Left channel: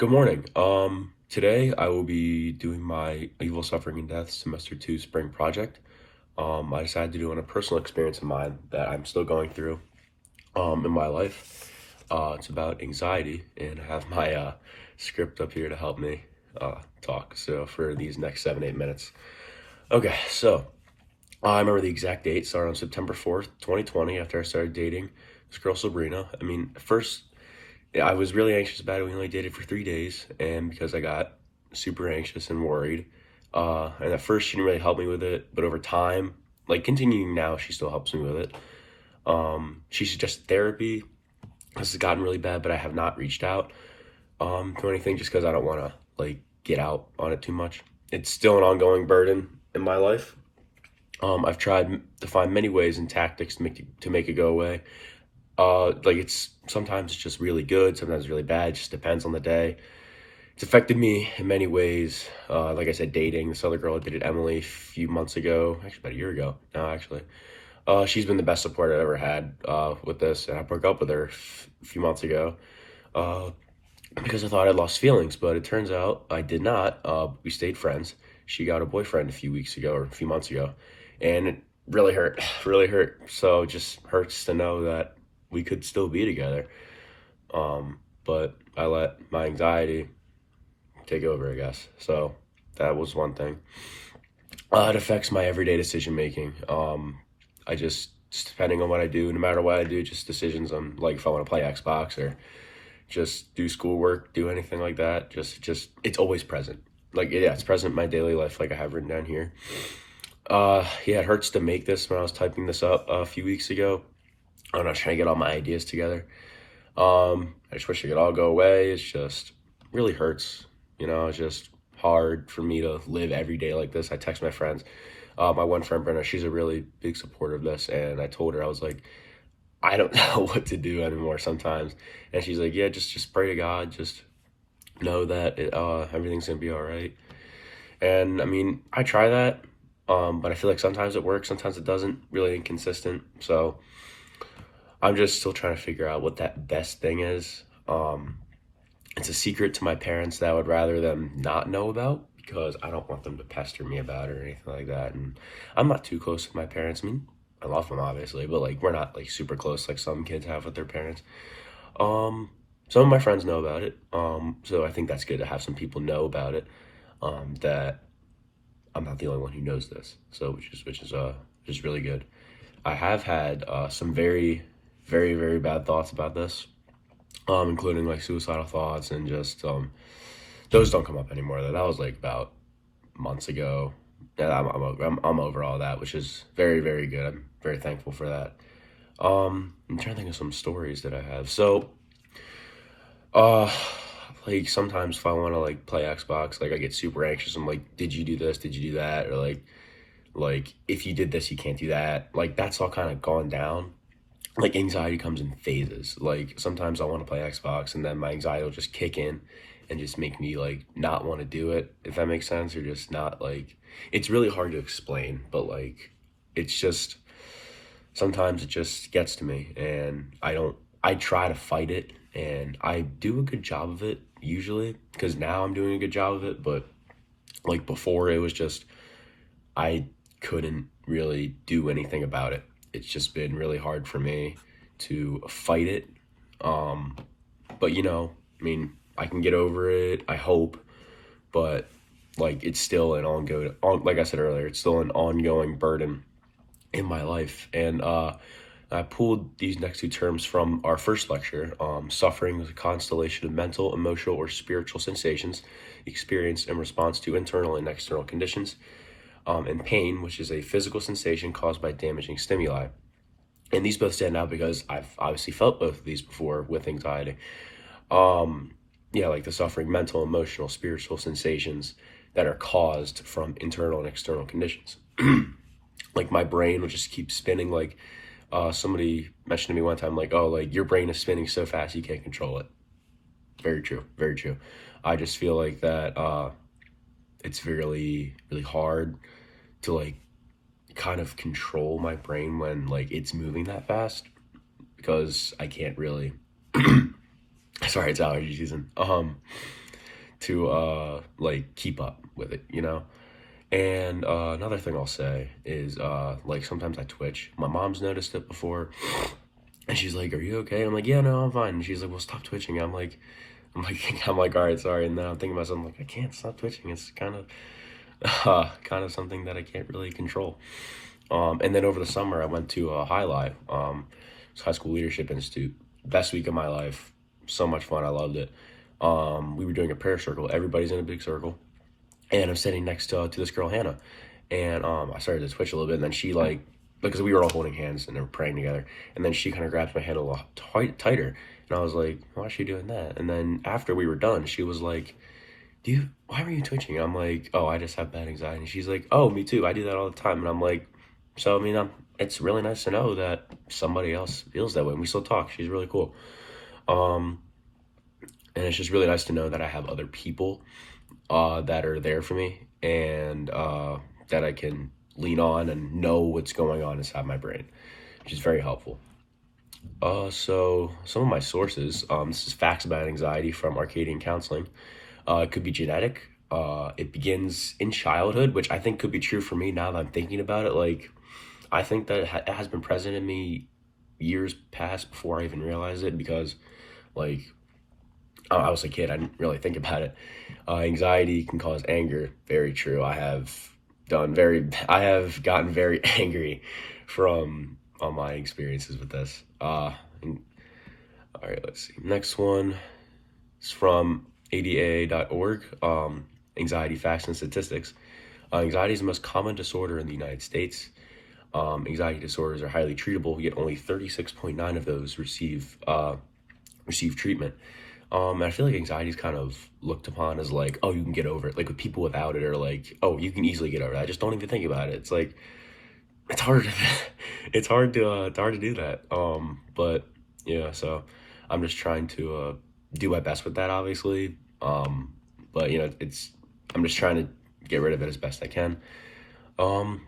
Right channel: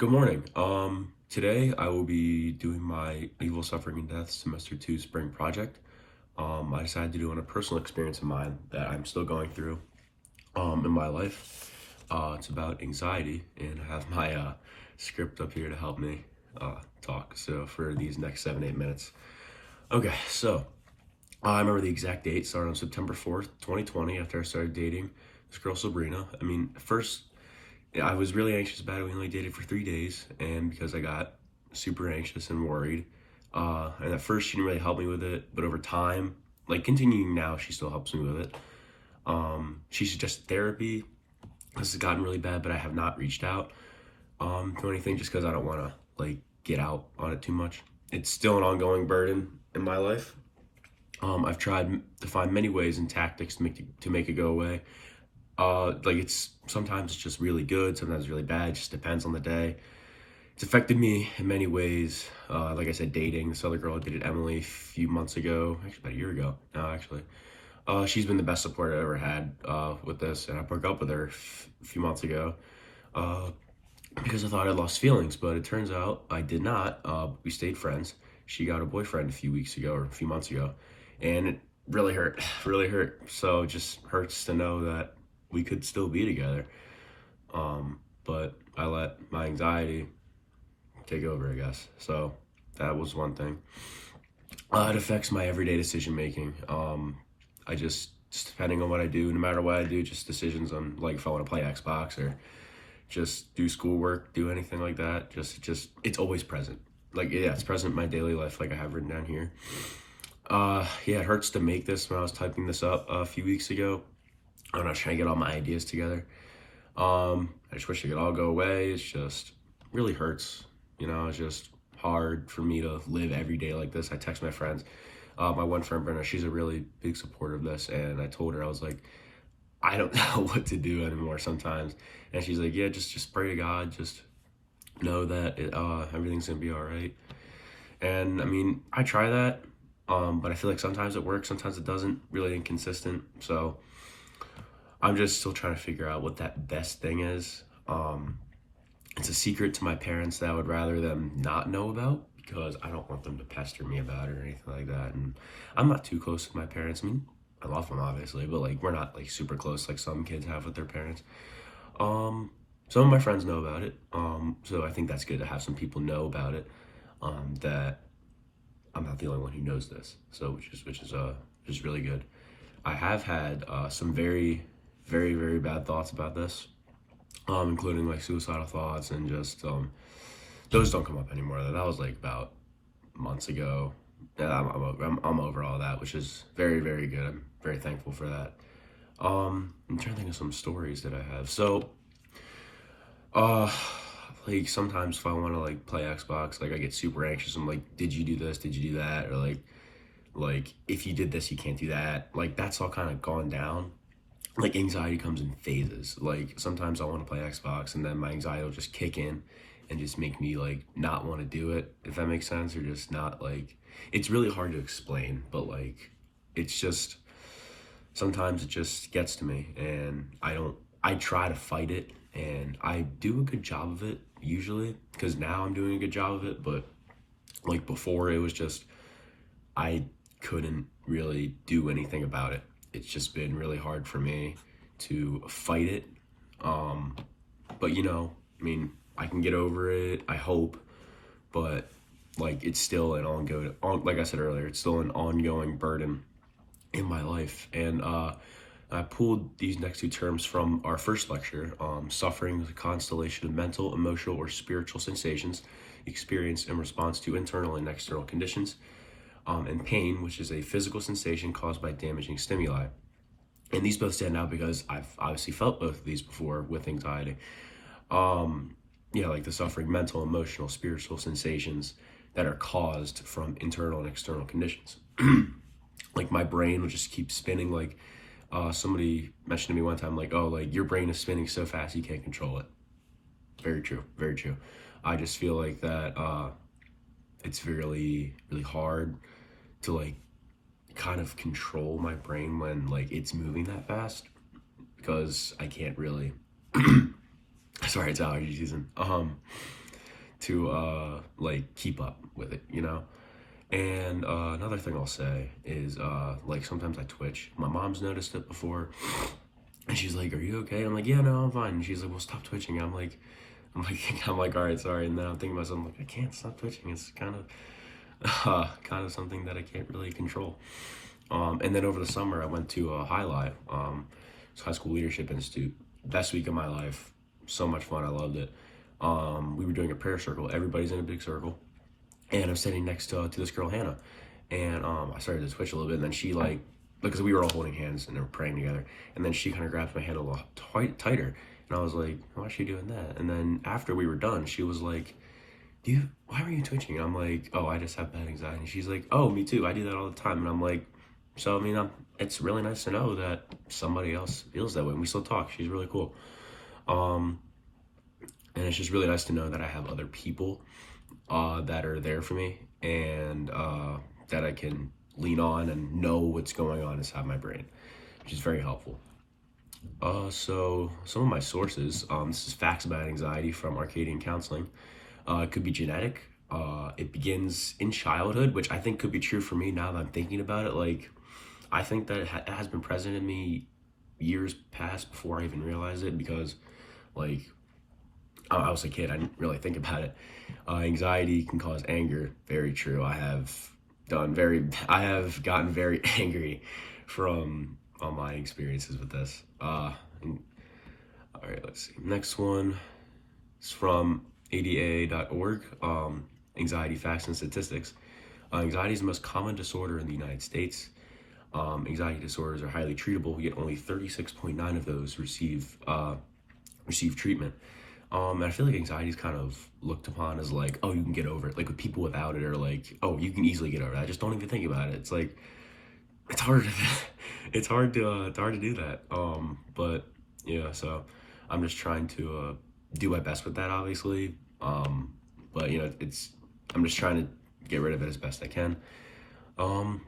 Good morning. Today I will be doing my Evil, Suffering, and Death Semester 2 Spring Project. I decided to do on a personal experience of mine that I'm still going through in my life. It's about anxiety, and I have my script up here to help me talk. So for these next 7, 8 minutes. Okay, so I remember the exact date. Started on September 4th, 2020, after I started dating this girl Sabrina. I mean, at first yeah, I was really anxious about it. We only dated for 3 days, and because I got super anxious and worried, and at first she didn't really help me with it, but over time, like continuing now, she still helps me with it. She suggested therapy. This has gotten really bad, but I have not reached out to anything just because I don't want to like get out on it too much. It's still an ongoing burden in my life. I've tried to find many ways and tactics to make it go away. Like it's sometimes it's just really good, sometimes really bad. It just depends on the day. It's affected me in many ways. Like I said, dating this other girl I dated, Emily, a few months ago, actually about a year ago. No, actually, she's been the best support I've ever had with this, and I broke up with her a few months ago uh, because I thought I'd lost feelings, but it turns out I did not. We stayed friends. She got a boyfriend a few weeks ago or a few months ago, and it really hurt, really hurt. So it just hurts to know that we could still be together. But I let my anxiety take over, I guess. So that was one thing. It affects my everyday decision making. I just depending on what I do, no matter what I do, just decisions on like if I want to play Xbox or just do schoolwork, do anything like that. Just it's always present. Like yeah, it's present in my daily life, like I have written down here. Yeah, it hurts to make this when I was typing this up a few weeks ago. I'm not trying to get all my ideas together. I just wish it could all go away. It's just really hurts. It's just hard for me to live every day like this. I text my friends. My one friend, Brenna, she's a really big supporter of this. And I told her, I was like, I don't know what to do anymore sometimes. And she's like, yeah, just pray to God. Just know that everything's going to be all right. And I mean, I try that. But I feel like sometimes it works, sometimes it doesn't, really inconsistent. So I'm just still trying to figure out what that best thing is. It's a secret to my parents that I would rather them not know about because I don't want them to pester me about it or anything like that. And I'm not too close with my parents. I mean, I love them obviously, but like we're not like super close like some kids have with their parents. Some of my friends know about it. So I think that's good to have some people know about it. That I'm not the only one who knows this. So which is really good. I have had some very, very, very bad thoughts about this, including like suicidal thoughts and just those don't come up anymore. That was like about months ago. Yeah, I'm over all that, which is very, very good. I'm very thankful for that. I'm trying to think of some stories that I have. So, uh, like sometimes if I want to like play Xbox, like I get super anxious. I'm like, did you do this? Did you do that? Or like if you did this, you can't do that. Like that's all kind of gone down. Like anxiety comes in phases. Like sometimes I want to play Xbox and then my anxiety will just kick in and just make me like not want to do it, if that makes sense, or just not like it's really hard to explain, but like it's just sometimes it just gets to me and I try to fight it and I do a good job of it usually because now I'm doing a good job of it, but like before it was just I couldn't really do anything about it. It's just been really hard for me to fight it. Um, but I mean, I can get over it, I hope, but like it's still an like I said earlier, it's still an ongoing burden in my life. And I pulled these next two terms from our first lecture. Suffering is a constellation of mental, emotional, or spiritual sensations experienced in response to internal and external conditions, and pain, which is a physical sensation caused by damaging stimuli. And these both stand out because I've obviously felt both of these before with anxiety. Um, yeah, like the suffering, mental, emotional, spiritual sensations that are caused from internal and external conditions. Like my brain will just keep spinning. Like somebody mentioned to me one time, like, oh, like your brain is spinning so fast you can't control it. Very true, very true. I just feel like that it's really, really hard to like kind of control my brain when like it's moving that fast because I can't really sorry, it's allergy season. to like keep up with it, you know. And another thing I'll say is like sometimes I twitch. My mom's noticed it before, and she's like, "Are you okay?" I'm like, "Yeah, no, I'm fine." And she's like, "Well, stop twitching." I'm like, I'm like, "All right, sorry." And then I'm thinking to myself, I'm like, I can't stop twitching. It's kind of something that I can't really control. And then over the summer, I went to High Live, it's High School Leadership Institute. Best week of my life. So much fun. I loved it. We were doing a prayer circle. Everybody's in a big circle, and I'm sitting next to this girl Hannah, and I started to twitch a little bit, and then she like because we were all holding hands and they were praying together, and then she kind of grabs my hand a little tighter, and I was like, why is she doing that? And then after we were done, she was like, why were you twitching? I'm like, oh, I just have bad anxiety. And she's like, oh, me too. I do that all the time. And I'm like, so I mean, it's really nice to know that somebody else feels that way. And we still talk. She's really cool. Um, and it's just really nice to know that I have other people that are there for me, and that I can lean on and know what's going on inside my brain, which is very helpful. So some of my sources, this is Facts About Anxiety from Arcadian Counseling. It could be genetic. It begins in childhood, which I think could be true for me now that I'm thinking about it. Like, I think that it has been present in me years past before I even realized it, because, like, I was a kid. I didn't really think about it. Anxiety can cause anger. Very true. I have gotten very angry from all my experiences with this. All right, let's see. Next one is from ADA.org. Anxiety facts and statistics. Anxiety is the most common disorder in the United States. Anxiety disorders are highly treatable, yet only 36.9 of those receive treatment. And I feel like anxiety is kind of looked upon as like, oh, you can get over it. Like with people without it, or like, oh, you can easily get over it. I just don't even think about it. It's like it's hard. It's hard to do that. But yeah, so I'm just trying to do my best with that, obviously. But you know, I'm just trying to get rid of it as best I can. Um,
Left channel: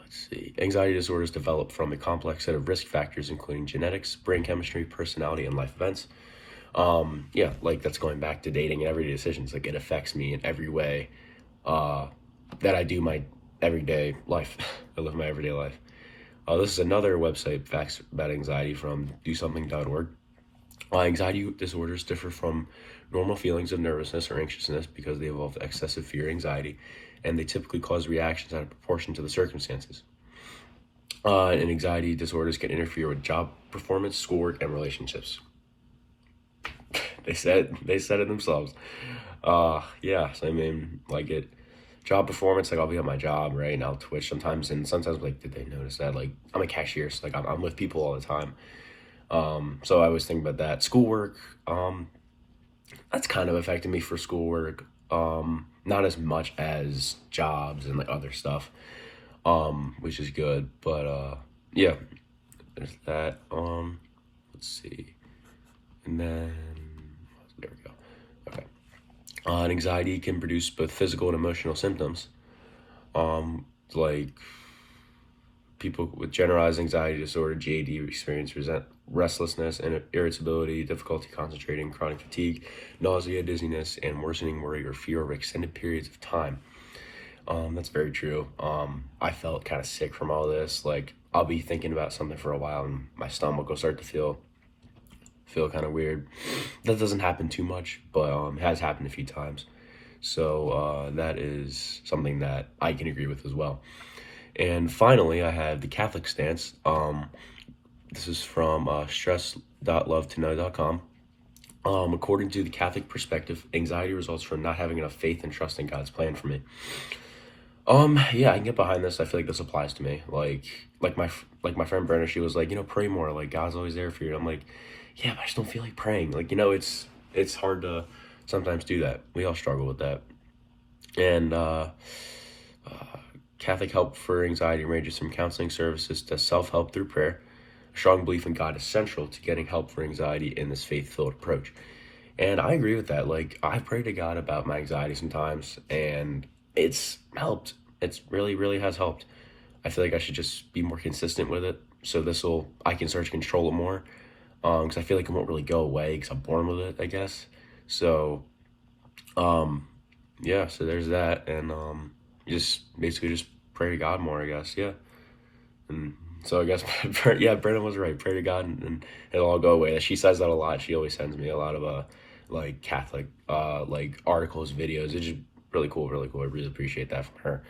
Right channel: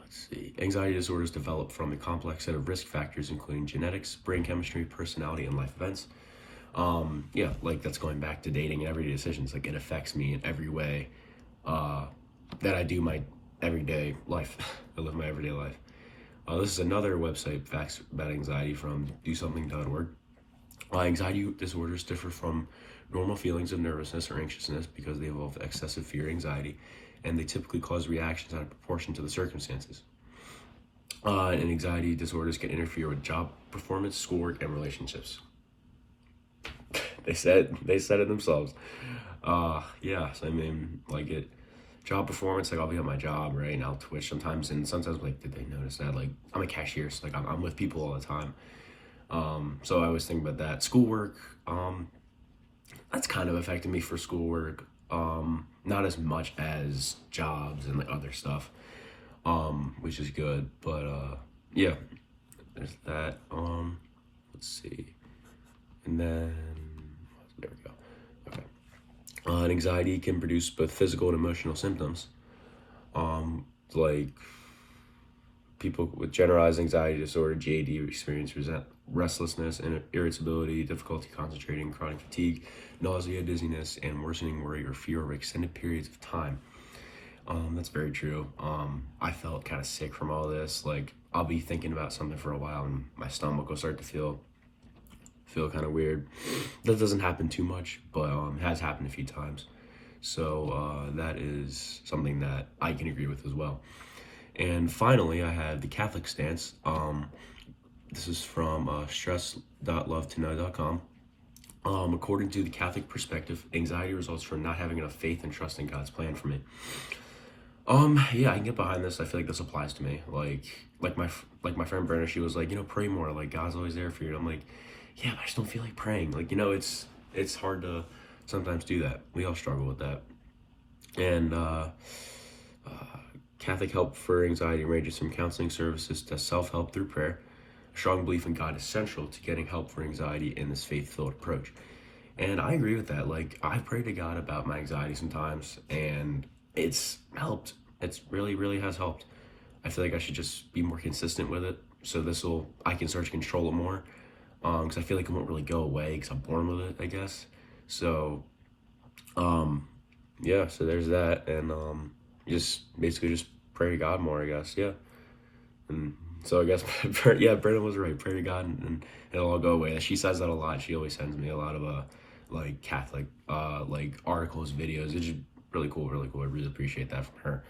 let's see. Anxiety disorders develop from a complex set of risk factors, including genetics, brain chemistry, personality, and life events. Yeah, like that's going back to dating and everyday decisions. Like it affects me in every way uh, that I do my everyday life. I live my everyday life. This is another website, Facts About Anxiety, from DoSomething.org. Anxiety disorders differ from normal feelings of nervousness or anxiousness because they involve excessive fear, anxiety, and they typically cause reactions out of proportion to the circumstances. And anxiety disorders can interfere with job performance, schoolwork, and relationships. They said it themselves. Yeah, so I mean, like it job performance, like I'll be at my job, right, and I'll twitch sometimes, and sometimes like, did they notice that? Like I'm a cashier, so like I'm with people all the time. So I was thinking about that. Schoolwork, that's kind of affected me for schoolwork. Not as much as jobs and like other stuff, which is good. But yeah, there's that. Let's see, and then there we go. Okay. Anxiety can produce both physical and emotional symptoms. Like people with generalized anxiety disorder, GAD, experience restlessness and irritability, difficulty concentrating, chronic fatigue, nausea, dizziness, and worsening worry or fear over extended periods of time. That's very true. I felt kind of sick from all this. Like I'll be thinking about something for a while, and my stomach will start to feel kind of weird. That doesn't happen too much, but it has happened a few times. So that is something that I can agree with as well. And finally, I have the Catholic stance. This is from stress.lovetoknow.com. According to the Catholic perspective, anxiety results from not having enough faith and trust in God's plan for me. Yeah, I can get behind this. I feel like this applies to me. Like my friend Brenna, she was like, pray more. Like God's always there for you. And I'm like, yeah, but I just don't feel like praying. Like, it's hard to sometimes do that. We all struggle with that. And Catholic help for anxiety ranges from counseling services to self-help through prayer. A strong belief in God is central to getting help for anxiety in this faith-filled approach. And I agree with that. Like, I pray to God about my anxiety sometimes, and it's helped. It's really, really has helped. I feel like I should just be more consistent with it. So I can start to control it more. Because I feel like it won't really go away because I'm born with it, I guess. So Um, yeah, so there's that, and just basically just pray to God more, I guess. Yeah, and so I guess yeah, Brennan was right. Pray to God, and it'll all go away. She says that a lot. She always sends me a lot of like Catholic like articles, videos. It's just really cool, really cool. I really appreciate that from her.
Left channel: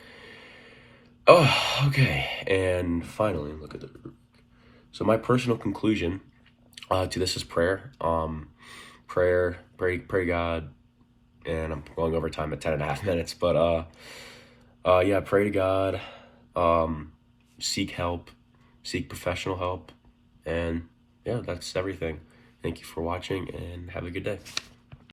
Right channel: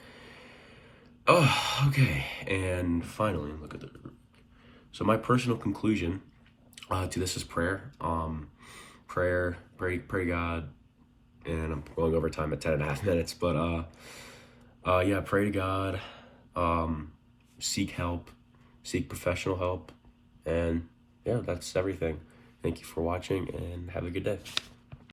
Oh, okay. And finally, look at the. So my personal conclusion to this is prayer. Pray God, and I'm going over time at 10.5 minutes, but yeah, pray to God, um, seek help, seek professional help, and yeah, that's everything. Thank you for watching, and have a good day.